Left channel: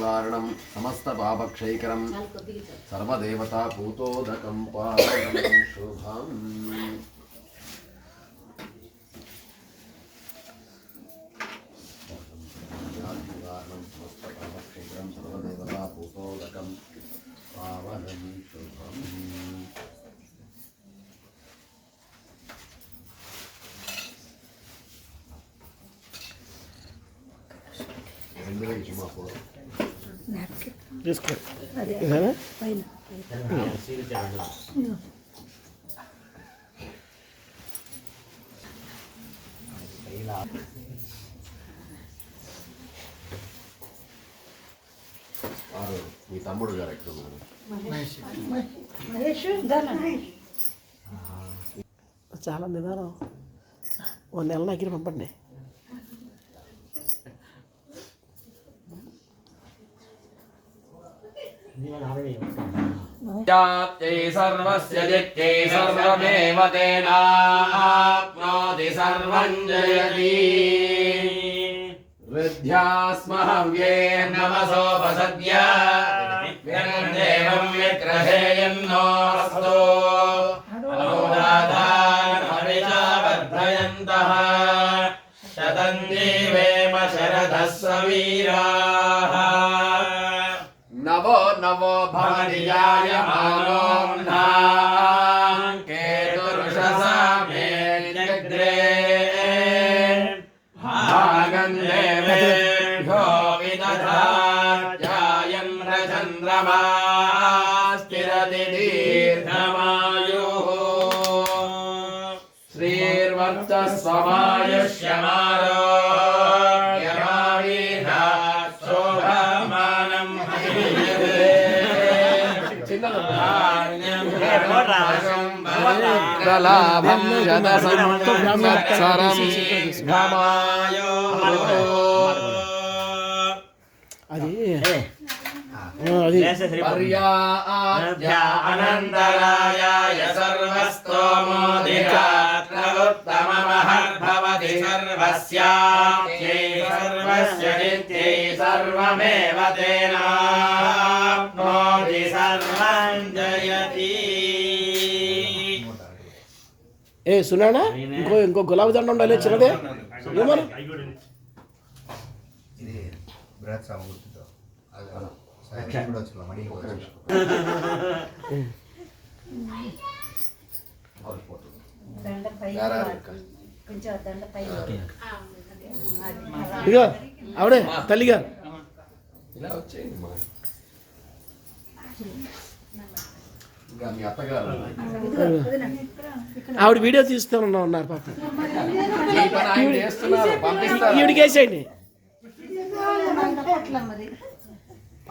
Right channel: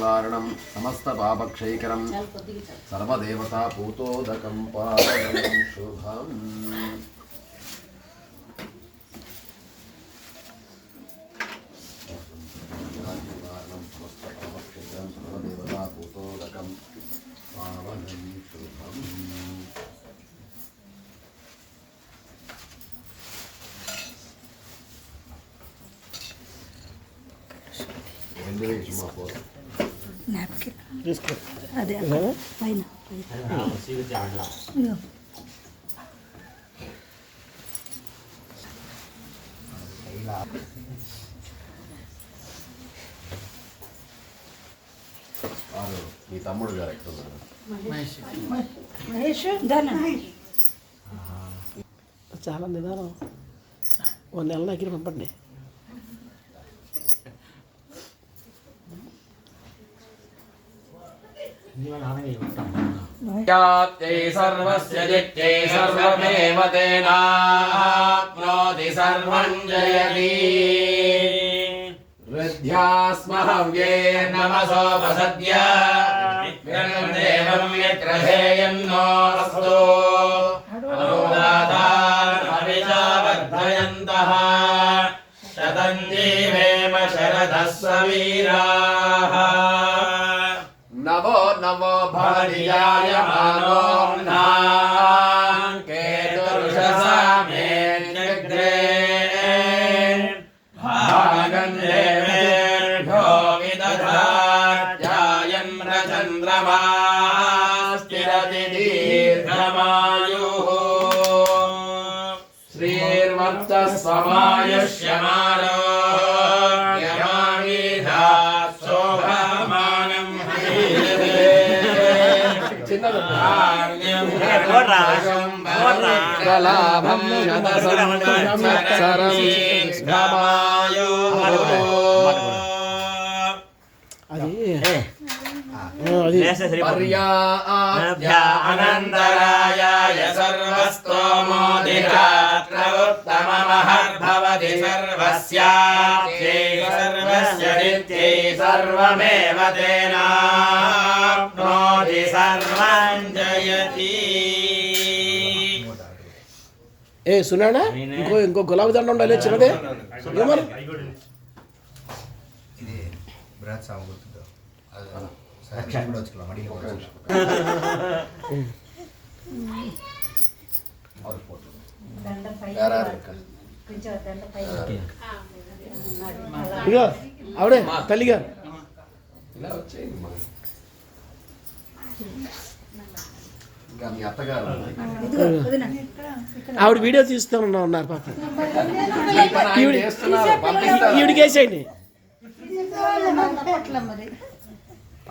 निवारणं समस्त पापक्षयकरं सर्वदेवता पूतोदकं पावनं शुभम् निवारणं समस्त पापक्षयकरं सर्वदेवता पूतोदकं पावनं शुभम् తీసుకో అదే పైన మీ తమ్ముడు గారు ఎక్కడ ఉన్నారు? చాలా నిదానం. ఓ నెల దగ్గర పంపండి. सर्वस्य जित्यै सर्वमेव तेनाप्नोति सर्वं जयति हृद्यास्महव्ये नमसोपसद्य देवं यग्रहेयन्नोऽस्तु अनुदातानभिजावर्धयन्तः शतं जीवेम शरदः सवीराः नवो नवो भवदियाय मानोऽह्नान् केतुर्षसामेऽग्रे भागं देवेभ्यो विदधात्यायन्द्रचन्द्रमास्तिरति दीर्घमायुः श्रीर्वर्चस्वमायुष्यमारोग्यमाविधात् शोभमानं लाभं अनन्तरायाय सर्वस्तोमोदिगात्रमुत्तममहर्भवति सर्वस्याप्त्यै सर्वस्य नित्यै सर्वमेव तेनाप्नोति सर्वं जयति ఏ సునానా ఇంకో గులాబీ దండ ఉండాలి చిన్నదే ఏమన్నా ఇది బృహత్ సామూర్తితో సాక్షి కూడా వచ్చుకోవాలి మడిలో ఇగో ఆవిడే తల్లిగా ఇలా వచ్చేయండి మా ఇంకా మీ అత్తగారు ఆవిడ వీడియో తీస్తూ ఉన్నారు పాప. ఈ పని ఆయన చేస్తున్నారు, పంపిస్తారు. ఈవిడికి వేసేయండి.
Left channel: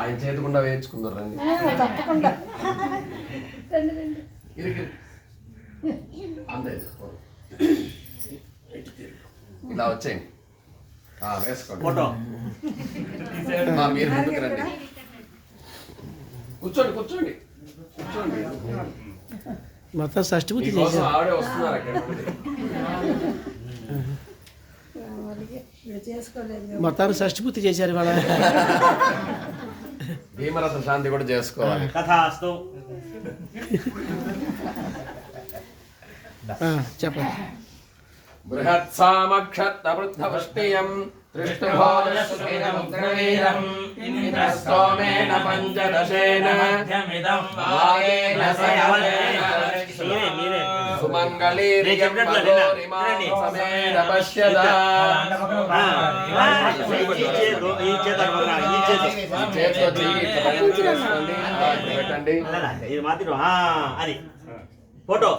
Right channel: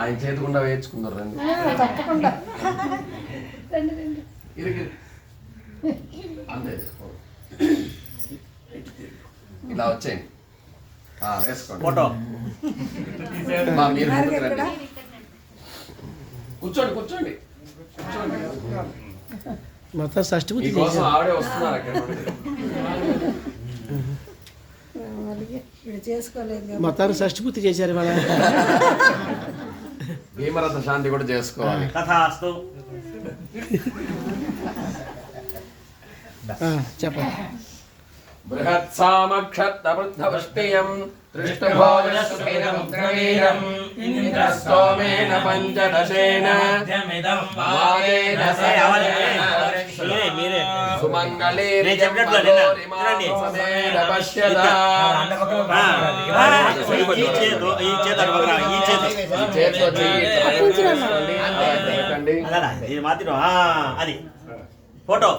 ఆయన చేతికుండా వేయించుకున్నారు రండి. అంతే ఇలా వచ్చేయండి. వేసుకోండి. మీరు ముందుకు రండి. కూర్చోండి కూర్చోండి కూర్చోండి. మొత్తం షష్ఠపూర్తి మీకోసం ఆవిడే వస్తున్నారు అక్కడ నుండి. మొత్తానికి షష్ఠపూర్తి చేశారు ఇవాళ. భీమరథ శాంతి కూడా చేసుకోవాలి. తథాస్తు. చెప్పండి. బృహత్సామక్షత్తవృద్ధవష్టియం దృష్టభోజస్సుమిరముగ్రవీరం ఇంద్రస్తోమేన పంచదశేన మాయేన సయవనేన సుమంగళీర్యం పదోరిమాం సమేన పశ్యతా. చేతితో పెట్టండి. ఇది మాత్రం అది ఫోటో.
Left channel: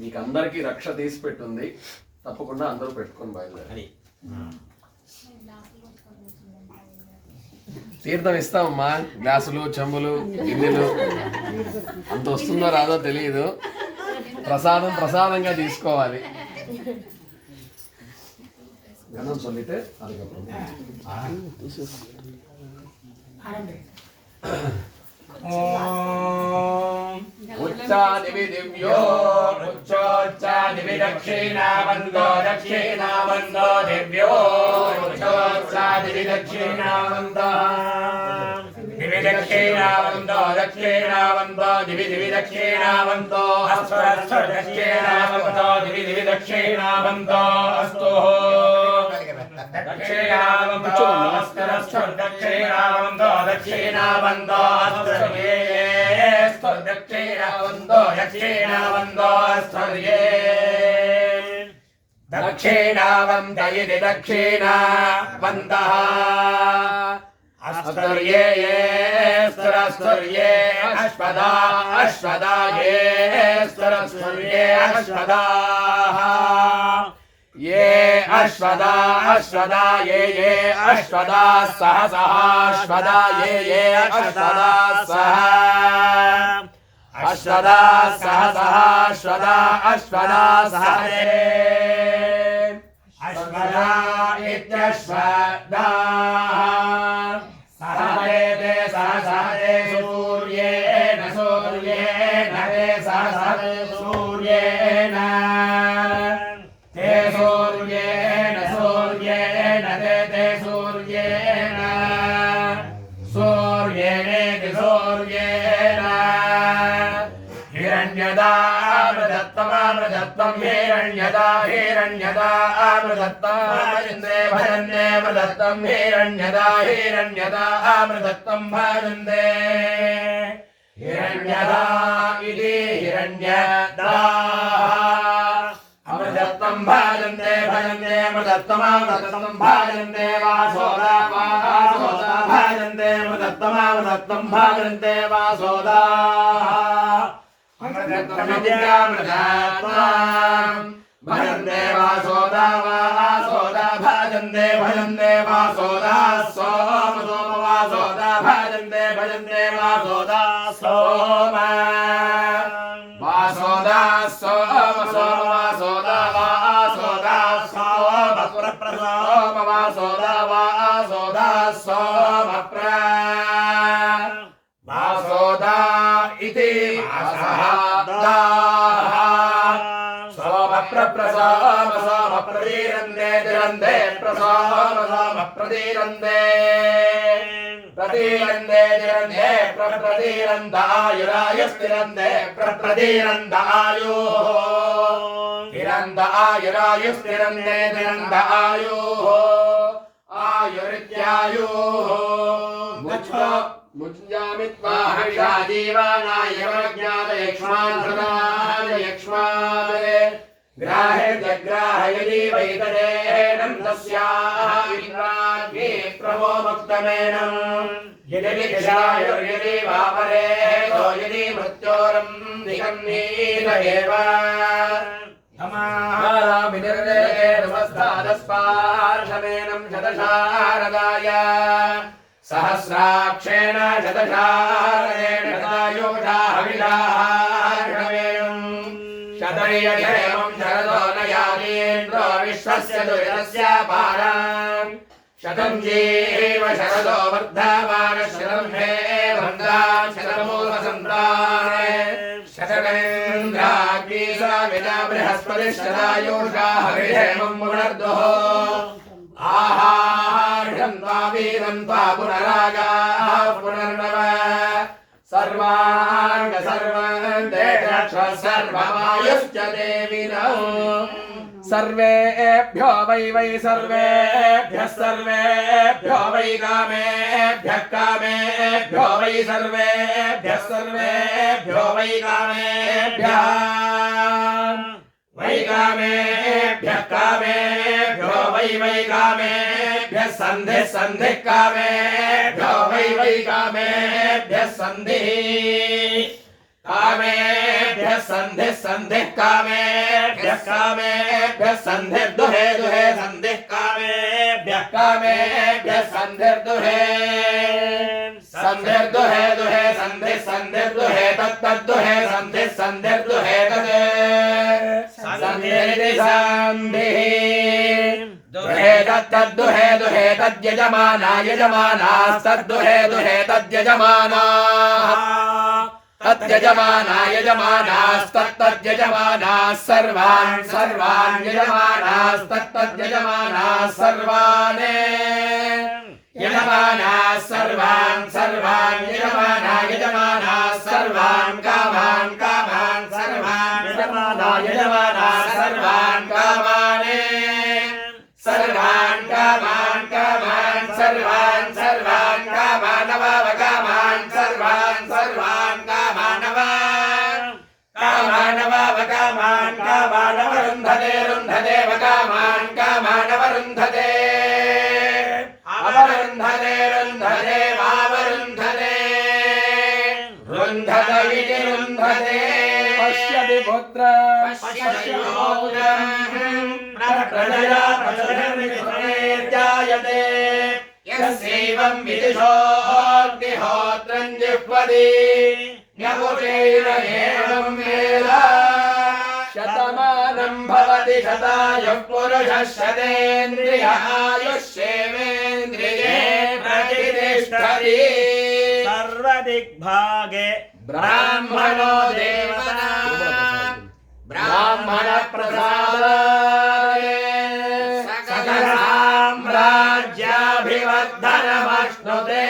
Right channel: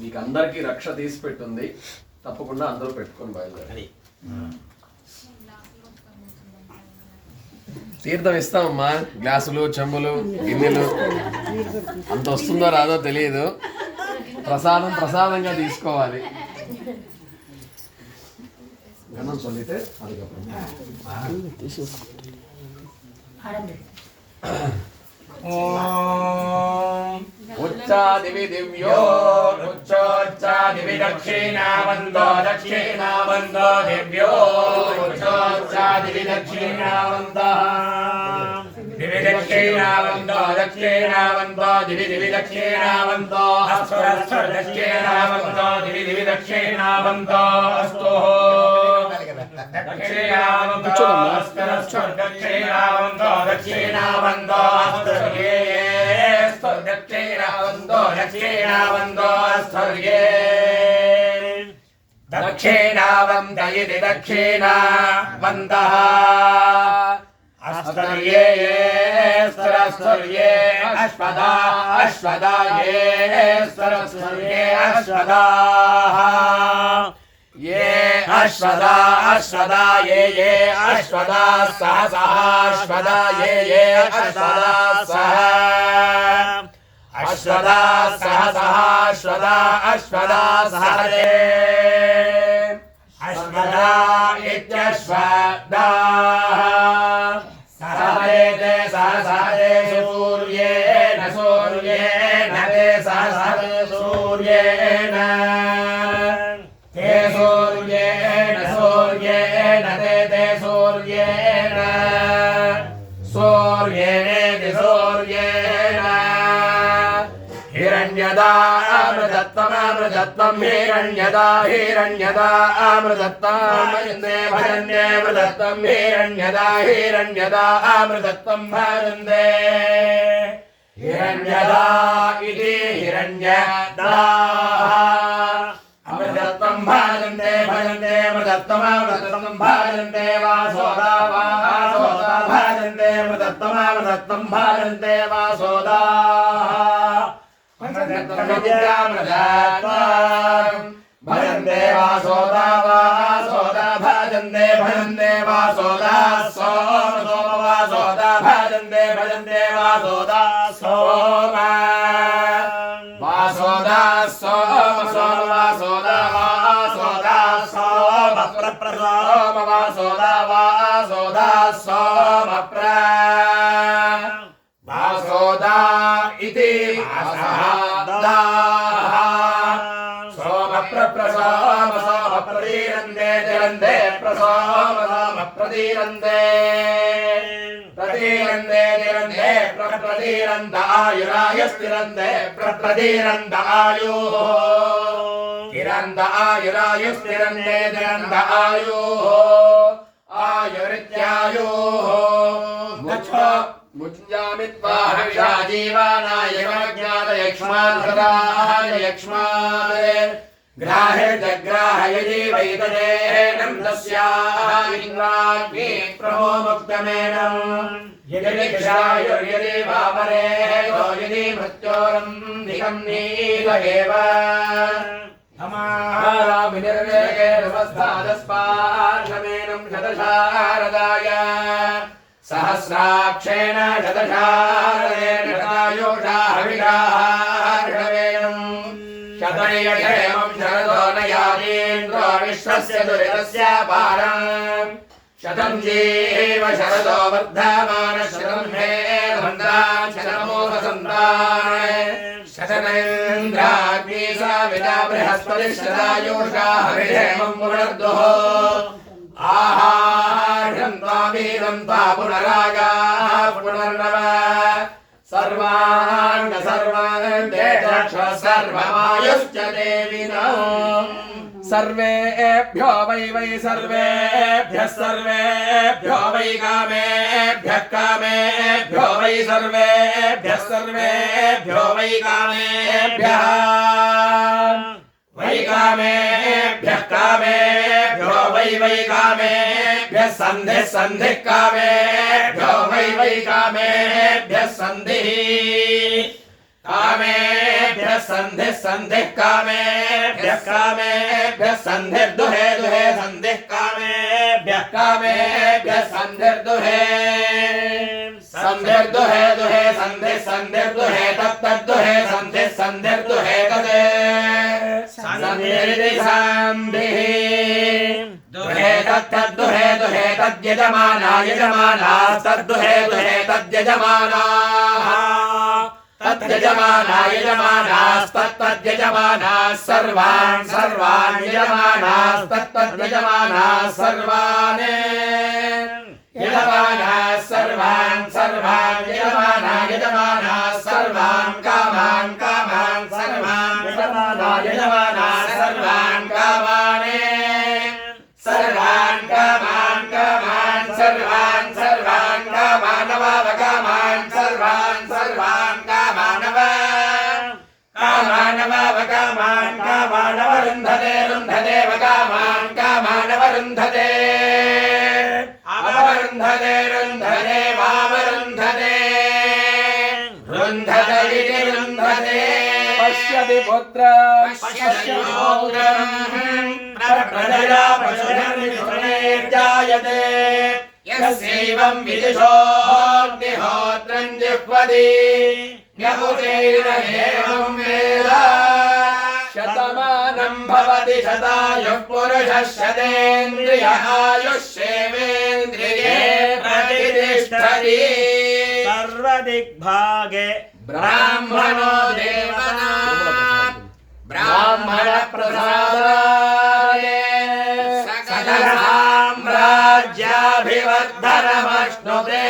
మీకు అందరికి రక్ష తీసి పెట్టుంది, తప్పకుండా అందరూ పెట్టుకొని బయలుదేరి. తీర్థం ఇస్తామమ్మా, గ్లాసులు చెంబులు గిన్నెలు. అంత వస్తుందో రాదో తెలియదు, ప్రసాదంగా తీసుకోవాలి. గణం சொல்லிட்டு அதுக்கப்புறம் उच्चादिवि दिव्यो उच्चोच्चादिवि दक्षिणावन्दो दक्षिणावन्दो दिव्यो उच्चोच्चादिवि दक्षिणावन्दः दिवि दक्षिणावन्दो दक्षिणावन्दो दिवि दिवि दक्षिणावन्दो अस्वर दक्षिणावन्दो दिवि दिवि दक्षिणावन्दो अस्तु दक्षिणावन्दो अस्वर दक्षिणावन्दो दक्षिणावन्दो अस्तु दक्षिणावन्दो दक्षिणावन्दो स्थर्ये दक्षिणावन्दयति दक्षिणावन्दः अस्तर्ये स्तरस्तर्ये अश्वदा अश्वदा ये स्तरस्तर्ये अश्वदाः ये अश्वदा अश्वदा ये अश्वदा सह सह अश्वदा ये अश्वदा सह अश्वदा सह सह अश्वदा अश्वदा सह अश्वदा इत्यश्वदाः सहते सह सहते सूर्येण सूर्येण ते सह सहते सूर्येण ते सूर्येण सूर्येण ते सूर्येण सूर्येणेति सूर्येण हिरण्यदा अमृतत्वमृतत्वं हिरण्यदा हिरण्यदा अमृतत्वं भजन्ते भजन्ते अमृतत्वं हिरण्यदा हिरण्यदा अमृतत्वं भजन्ते हिरण्यदा इति हिरण्यदा अमृतत्वं भजन्ते भजन्ते अमृतत्वं भजन्ते वासोदा वासोदा भजन्ते अमृतत्वं भजन्ते वासोदा अमृतत्वं भजन्ते वासोदा वासोदा भजन्ते भजन्ते वासोदा सोम सोम वासोदा भजन्ते भजन्ते वासोदा सोम वासोदा सोम सोम वासोदा वासोदा सोम प्रप्रसोम वासोदा वासोदा सोम प्र वासोदा इति वासोदाः सोम प्रप्रसोम सोम प्रदीरन्ते दिरन्ते प्रसोम सोम प्रदीरन्ते प्रदीरन्ते दिरन्ते प्रप्रदीरन्तायुरायुस्तिरन्ते प्रप्रदीरन्तायुः तिरन्तायुरायुस्तिरन्ते दिरन्तायुः आयुरित्यायुः मुञ्जामित्वा हविषा जीवानाय ज्ञातयक्ष्मान् यक्ष्मान् ग्राहे वैतदेनं तस्याः विद्वाग्नि प्रभो मुक्तमेनं यदि क्षायुर्यदि वापरेतो यदि मृत्योरं निगम्नीत एव विनिर्वेगैर्वस्थादस्पार्शमेनं शतशारदाय सहस्राक्षेण शतशारदेन शतायुषा हविषार्षमेनं शतयक्षेमं शरदो न यातीन्द्रो विश्वस्य दुरितस्य पारम् शतं जीव शरदो वर्धमानः शतं मे वन्दान् शतमो वसन्तान् शतमेन्द्राग्नी साविता बृहस्पतिः शतायुषा हविषेमं पुनर्दुः आहार्यं त्वामीदं त्वा पुनरागाः पुनर्नव सर्वान् सर्वान् ते चक्ष्व सर्वमायुश्च देविनो सर्वेभ्यो वै सर्वेभ्यो वै कामेभ्यो वै सर्वेभ्यो वै कामेभ्यः वै कामेभ्यो वै कामेभ्यः सन्धिः कामेभ्यो वै कामेभ्यः सन्धिः कामेभ्यः सन्धिः कामेभ्यः सन्धिर्दुहे सन्धिः कामेभ्यः सन्धिर्दुहे सन्धिर्दुहे तत्तद्दुहे सन्धिर्दुहे तत् सन्धिः दुहे तद्दुहे दुहे तद्यजमाना यजमानास्तद्दुहे दुहे तद्यजमानाः तद्यजमाना यजमानास्तद्यजमानाः सर्वान् सर्वान् यजमानास्तद्यजमानाः सर्वान् यजमानाः सर्वान् सर्वान् यजमानाः सर्वान् कामान् कामान् सर्वान् यजमानाः सर्वान् कामान् सर्वान् कामान् कामान् सर्वान् सर्वान् कामानवावकामान् सर्वान् सर्वान् कामानवावकामान् कामानवरुन्धते रुन्धते वकामान् कामानवरुन्धते अवरुन्धते रुन्धते वावरुन्धते रुन्धत इति रुन्धते पश्यति पुत्रं पश्यति पौत्रं प्रजया पशुर्निर्जायते यस्यैवं विदिशोऽग्निहोत्रं जिह्वति न्यमुचैरमेवं वेद शतमानं भवति शतायुः पुरुषः शतेन्द्रिय आयुष्येवेन्द्रिये प्रतिष्ठति सर्वदिग्भागे ब्राह्मणो देवता ब्राह्मण प्रसादाय सकलसाम्राज्याभिवर्धनमश्नुते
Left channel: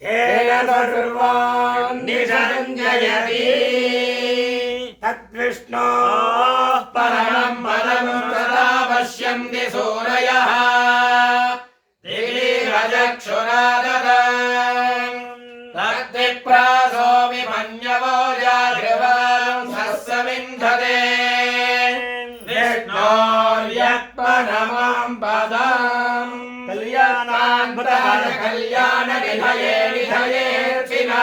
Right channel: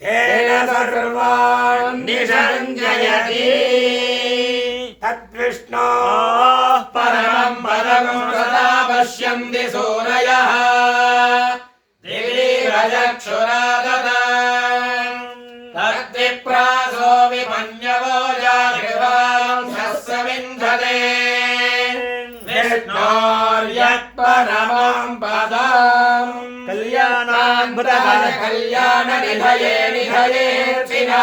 तेन सर्वान् निषञ्जयति तद्विष्णो परमं परमं सदा पश्यन्ति सूरयः दिवीरचक्षुराददाम् तद्विप्रासो विमन्यवो जागृवां सस्सविन्धते विष्णोर्यत्परमं पदम् कल्याणान्भुतः कल्याणनिधये निधयेऽर्चिना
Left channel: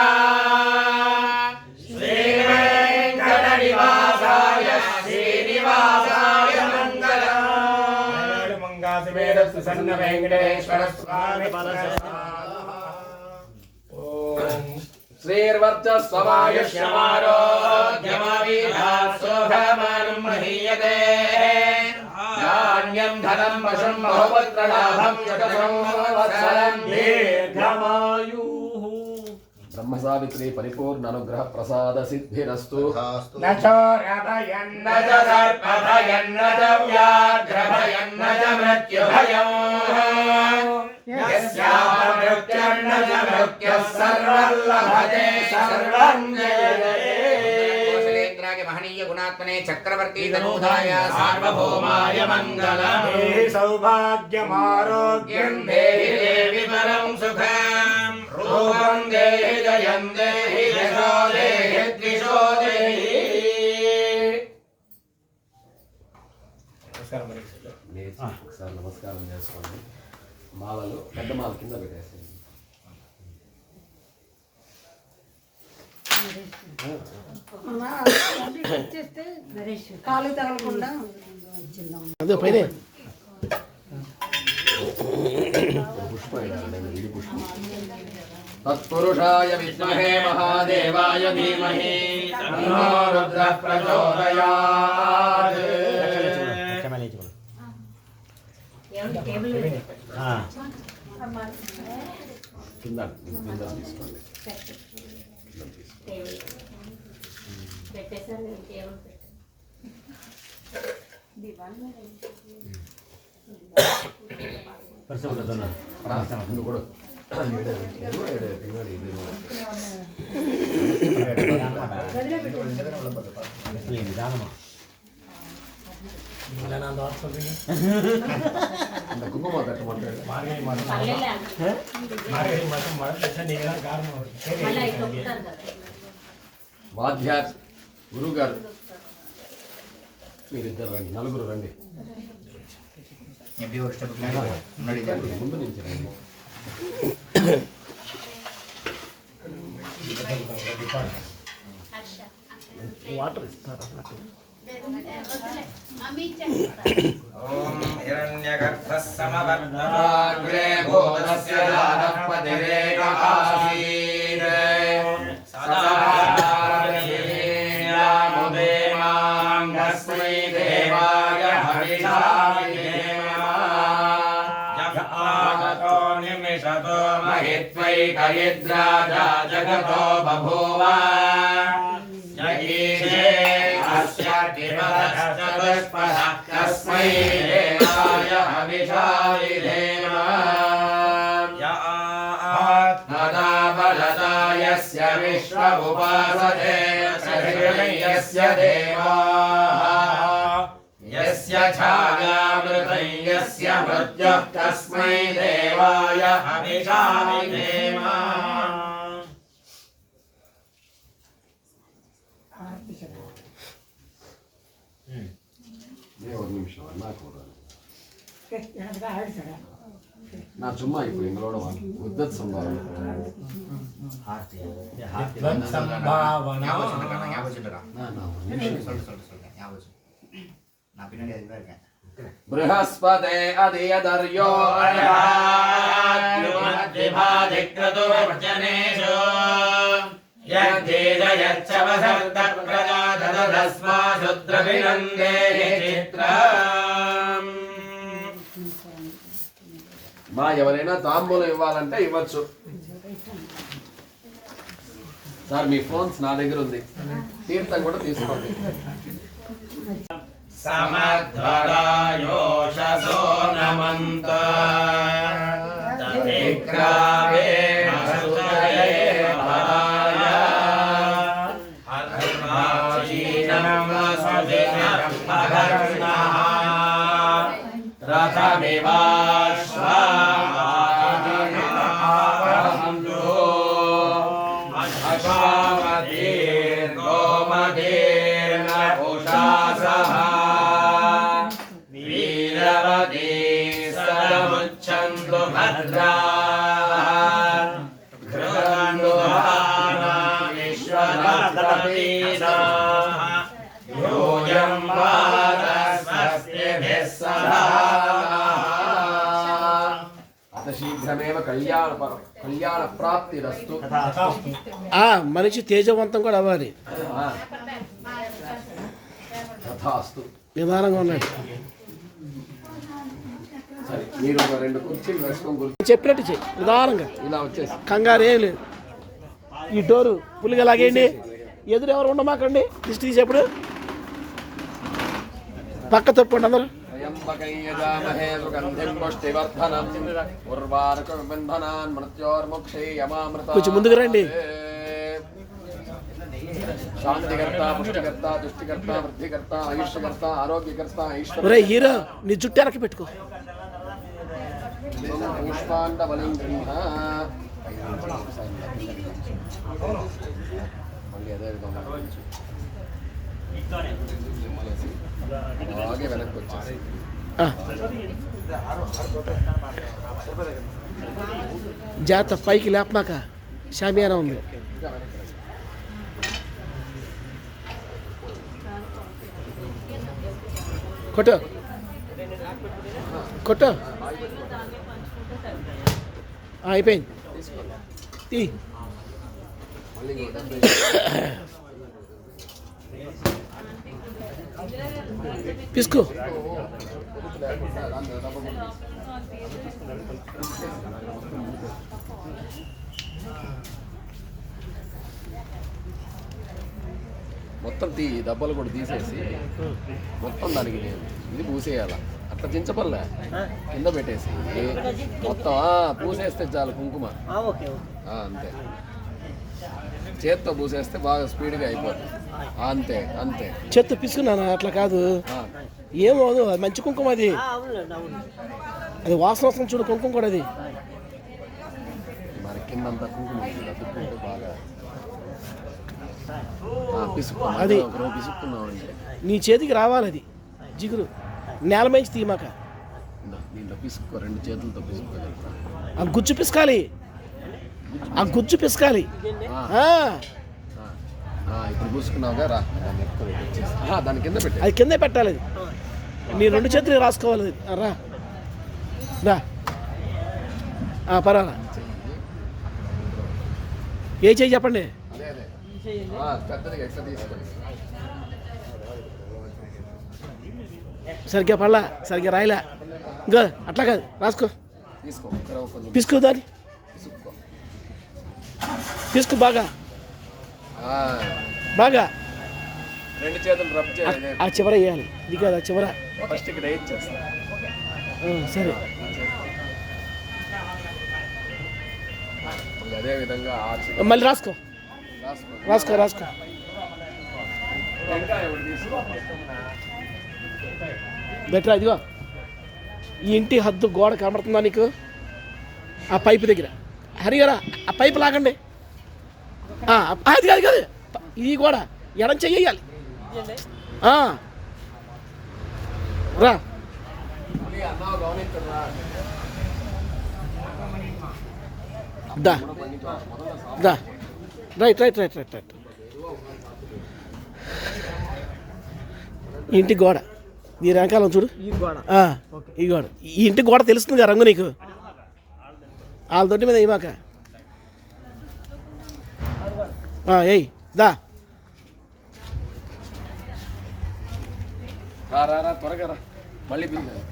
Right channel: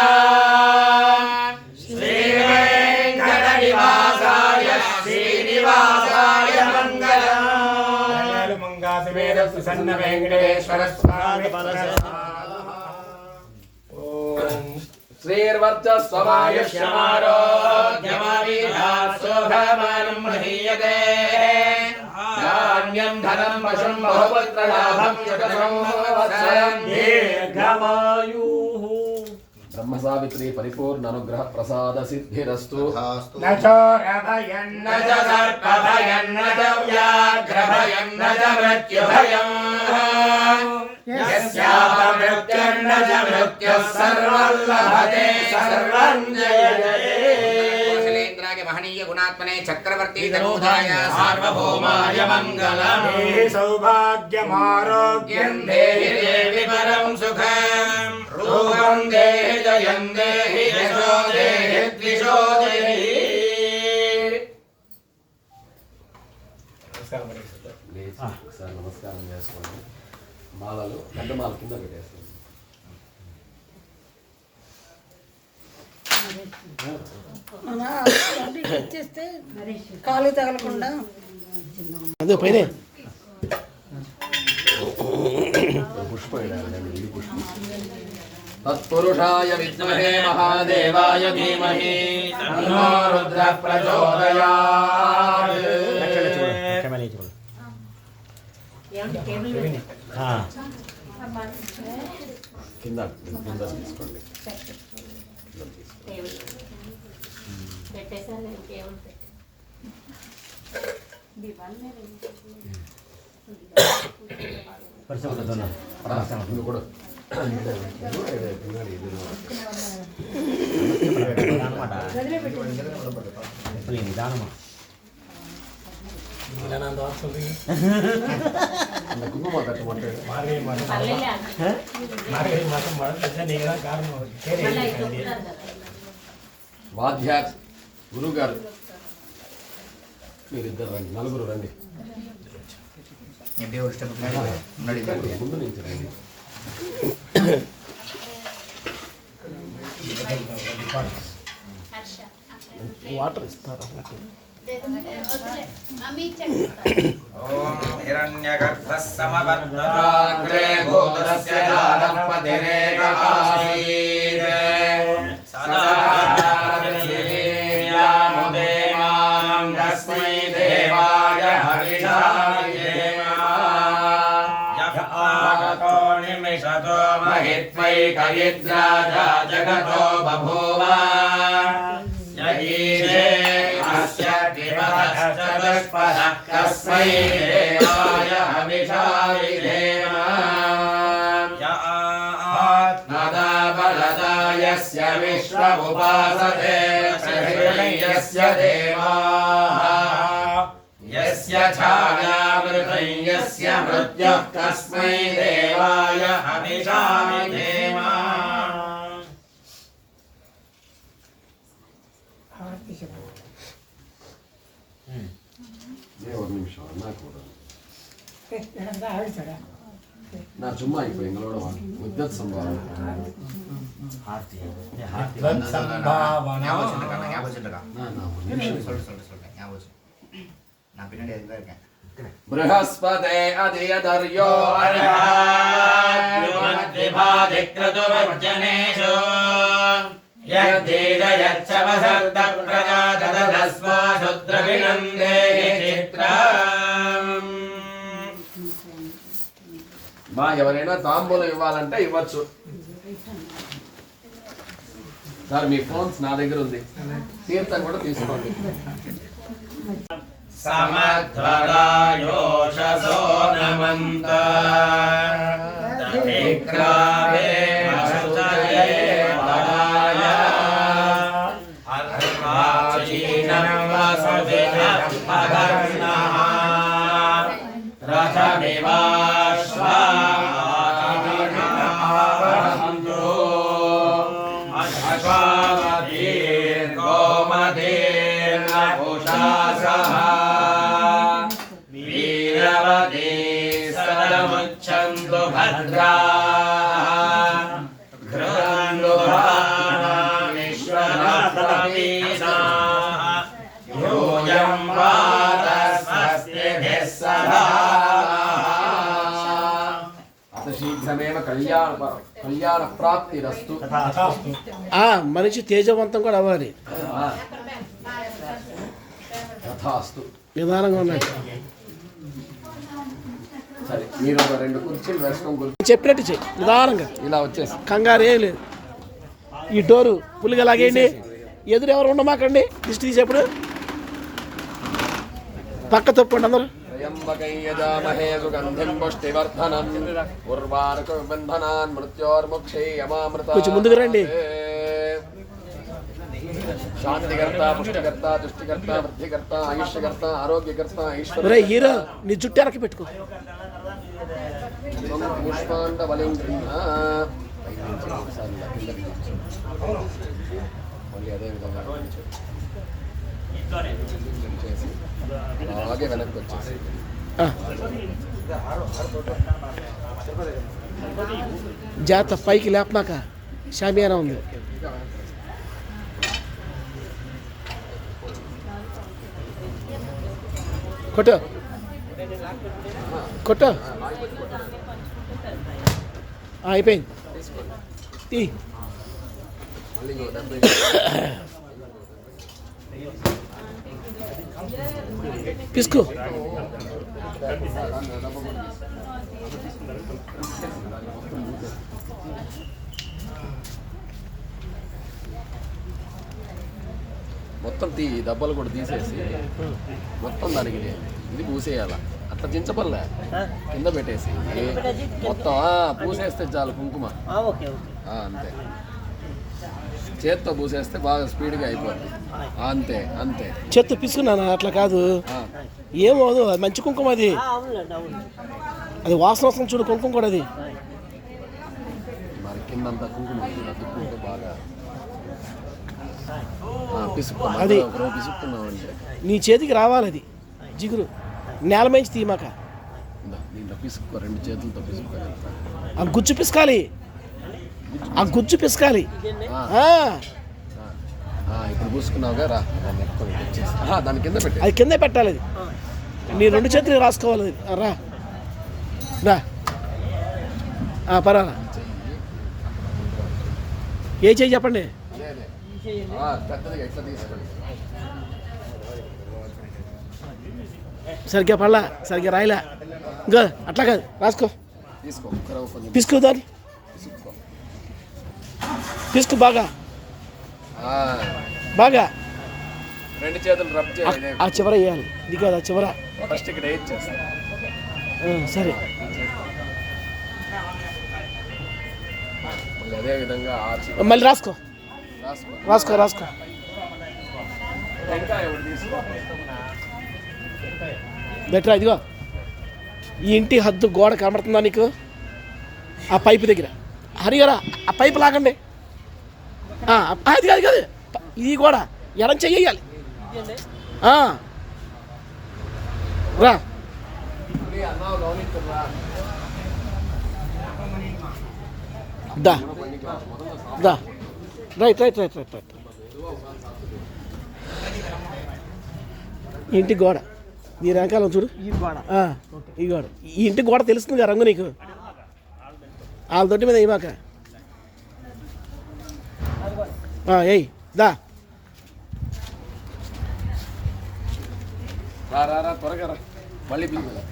श्रीवेङ्कटनिवासाय श्रीनिवासाय मङ्गलम् मंगासिमेरस्तु सन्न वेङ्कटेश्वर स्वामी श्रीर्वर्चस्वमायुष्यमारोग्यमावीधात् शोभमानं महीयते धान्यं धनं पशुं बहुपुत्रलाभं युगसंवत्सरं दीर्घमायुः ब्रह्म सावित्री परिपूर्ण अनुग्रह प्रसाद सिद्धिरस्तु न चोरभयं न च सर्पभयं न च व्याघ्रभयं न च मृत्युभयं यस्यामृत्युर्न च मृत्युः सर्वं लभते सर्वं जयते महनीय गुणात्मने चक्रवर्ती तनूधाय सार्वभौमाय मंगलम् सौभाग्यमारोग्यं देहि देवि परं सुखं रूपं देहि जयं देहि यशो देहि द्विषो देहि సార్ నమస్కారం చేసుకోండి మాలలు పెద్ద మాల కింద పెట్టేస్తాం కాలు తగలకుండా అదే పైన పుష్పం ఇది పుష్పం तत्पुरुषाय विद्महे महादेवाय धीमहि तन्नो रुद्रः प्रचोदयात् కింద తీసుకోండి కూడా அந்த குங்குமம் கட்ட மாட்டேன் వాద్యార్ గురువు గారు మీరిద్దరు రండి నలుగురు రండి ముందు నుంచి రండి వాటర్ ఇస్తారా ఓం హిరణ్యగర్భః సమవర్తమాగ్రే భూతస్య దానపతిరేకాసీత్ సదా దేవాయ హరిషా कयिद्राजा जगतो बभूव यईशे अस्य विपदश्चतुष्पदः तस्मै देवाय हविषाविधेम आत्मदा बलदा यस्य विश्व उपासते यस्य देवाः यस्य छायामृतं यस्य मृत्युः तस्मै देवाय हविषाविधेम ஒரு நிமிஷம் என்ன கூட நான் சும்மா இப்போ எங்களோட வாங்க உத்தத் சம்பாவனை நான் பின்னாடி அதுதான் இருக்கேன். बृहस्पते अधियदर्यो अर्हाद्युमद्विभाधिक्रतुवर्जनेषु यद्देदयच्छवसर्दप्रदाददस्माशुद्रभिनन्देहि चित्रम् మా ఎవరైనా తాంబూలం ఇవ్వాలంటే ఇవ్వచ్చు సార్ మీ ఫోన్స్ నా దగ్గర ఉంది తీర్థం కూడా తీసుకోండి समध्वरायोषसो नमन्त विक्रामे मसुतये पराय अर्वाचीनं वसुदिनं पवर्णः रथमिवाश्वाहन्तु अश्वावतीर्गोमतीर्न उषासः वीरवती सदमुच्छन्तु भद्राः घृतन्दुहानां विश्वरप्रतीनाः यूयं वादस्वस्तिभिः सदा అత శీఘ్రమేవ కళ్యాణ ప్రాప్తిరస్తు మనిషి తేజవంతం కూడా అవ్వాలి తథాస్తు నిదానంగా ఉన్నాడు సరే మీరు ఒక 2 కుర్చీలు వేసుకొని చెప్పినట్టు చెయ్యి నిదానంగా ఇలా వచ్చేసి కంగారు ఏం లేదు ఈ డోరు పులిగా లాగేయండి ఎదురు ఎవరు ఉండమాకండి దిష్టి తీసేప్పుడు పక్క తప్పండి అందరూ త్రయంబకం యజామహే సుగంధిం పుష్టివర్ధనం ఉర్వారుకం బంధనాన్ మృత్యోర్ముక్షేయమామృత కొంచెం ముందుకు రండి. శాంతికర్త పుష్టికర్త తుష్టికర్త వృద్ధికర్త ఆయుష్కర్త ఆరోగ్యకర్త ఒరే హీరో నీ జుట్టు ఎరకి పెట్టుకో పుష్పాండ బలిం మళ్ళీ అదే విధంగా అలాగే వెనక్కి వచ్చేసి జాత పైకి లేపమాక షామియానా ఉంది కొట్టు కొట్టు అయిపోయింది తీ తీసుకో మొత్తం డబ్బాలు కూడా తీసేసి మొత్తం దానికి ఇది పూసేయాల అట్లా దించబల్లే కింద పెట్టేసి మొత్తం పూసేస్తే చాలు కుంకుమ అంతే చేత్తో పూసేస్తే బాగా స్పీడ్గా అయిపోతుంది అంతే అంతే చేత్తో పిసుకున్నాను అట్లా కాదు ఏమోదు అది మంచి కుంకుమ అది అది వాసన వస్తుంది చూడు కుంకుమ కూడా అది మరి కిందంతా కుంకుమ అతుక్కుంటూ బాగా పిసుకుతాం అది పిసుకుతున్నామంటే నీ చేతికి రావాలి అది జిగురు నేల మంచి తీమాక దీంట్లో పిసుక్కో 2 చేతులతో పిసుక్కొని ఆ గుజ్జు పిసకాలి ఆ గుజ్జు పిసకాలి ఇప్పుడు పూసుకున్నావుగా రా దాని కింద పెట్టి అది కిందే పెట్టాలి అది నీ 2 చేతులు రాసుకోవాలి అది రా రా పర్వాలా ఏ చేయి చెప్పండి ఎట్లా తీసుకోండి సరిగ్గా పడలా సరిగ్గా రాయలే ఇంకా అట్లా కాదు రాసుకో తీసుకో కొంచెం పిసుకో దాన్ని పిసుక్కో తీసుకో బాగా ఆ, బాగా. రెండు చేతులు రబ్ చేయాలి. ఆ చివర వేయాలి, ఇది కాదు ఆ చివర. ఫస్ట్ ఇక్కడ ఏం చేస్తా సరే అదే విధంగా మళ్ళీ రాసుకో రాసుకో. రాసుకో రాసుకో. ఇంకా ఎవరు తీసుకో. బెటర్ ఇదిగో ఈ ఇంటి హద్దు గోడ కనబడుతుందా నీకు? ఆ పైపు దగ్గర హరిగారా ఆ పైపు లాగండి. అది కాదు కాదు ఇది కూడా ఎడం చెయ్యాలి. రా దా దా right right right right right. ఇంటి గోడ ఈ రంకాలం చూడు, ఈ గోడ ఈ ఇంటి గోడ తెలుస్తుంది కదా రంగు నీకు. వాళ్ళ దొడ్డి మీద ఇవ్వక ఏయ్ దా. రా రా రా త్వరగా రా. మళ్ళీ బిల్లు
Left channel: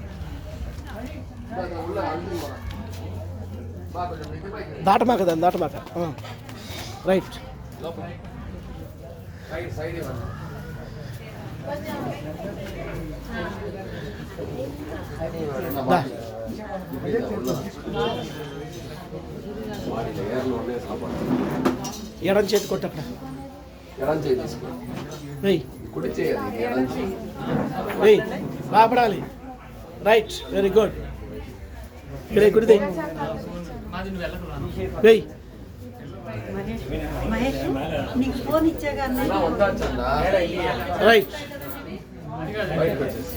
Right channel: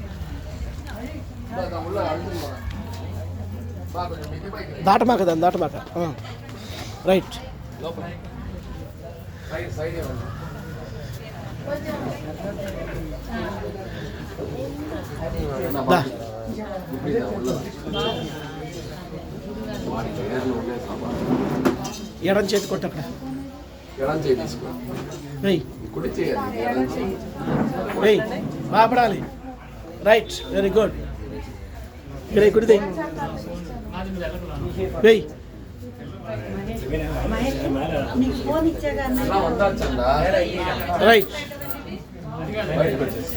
దాటమాక దాన్ని దాటమాక. రైట్ సైడ్ సైడ్ ఇవ్వండి. దా. ఎడం చేతి కొట్టు అక్కడ. ఎడం చేయి తీసుకో. వెయ్యి కుడి చేయాలి. ఎడం చేయి. వెయ్యి బాపడాలి. Right very good. ఇక్కడ కుడితే వెయ్యి. నీకు ఫోన్ ఇచ్చాగా వందచ్చండా రైట్ బయటకు వచ్చేసి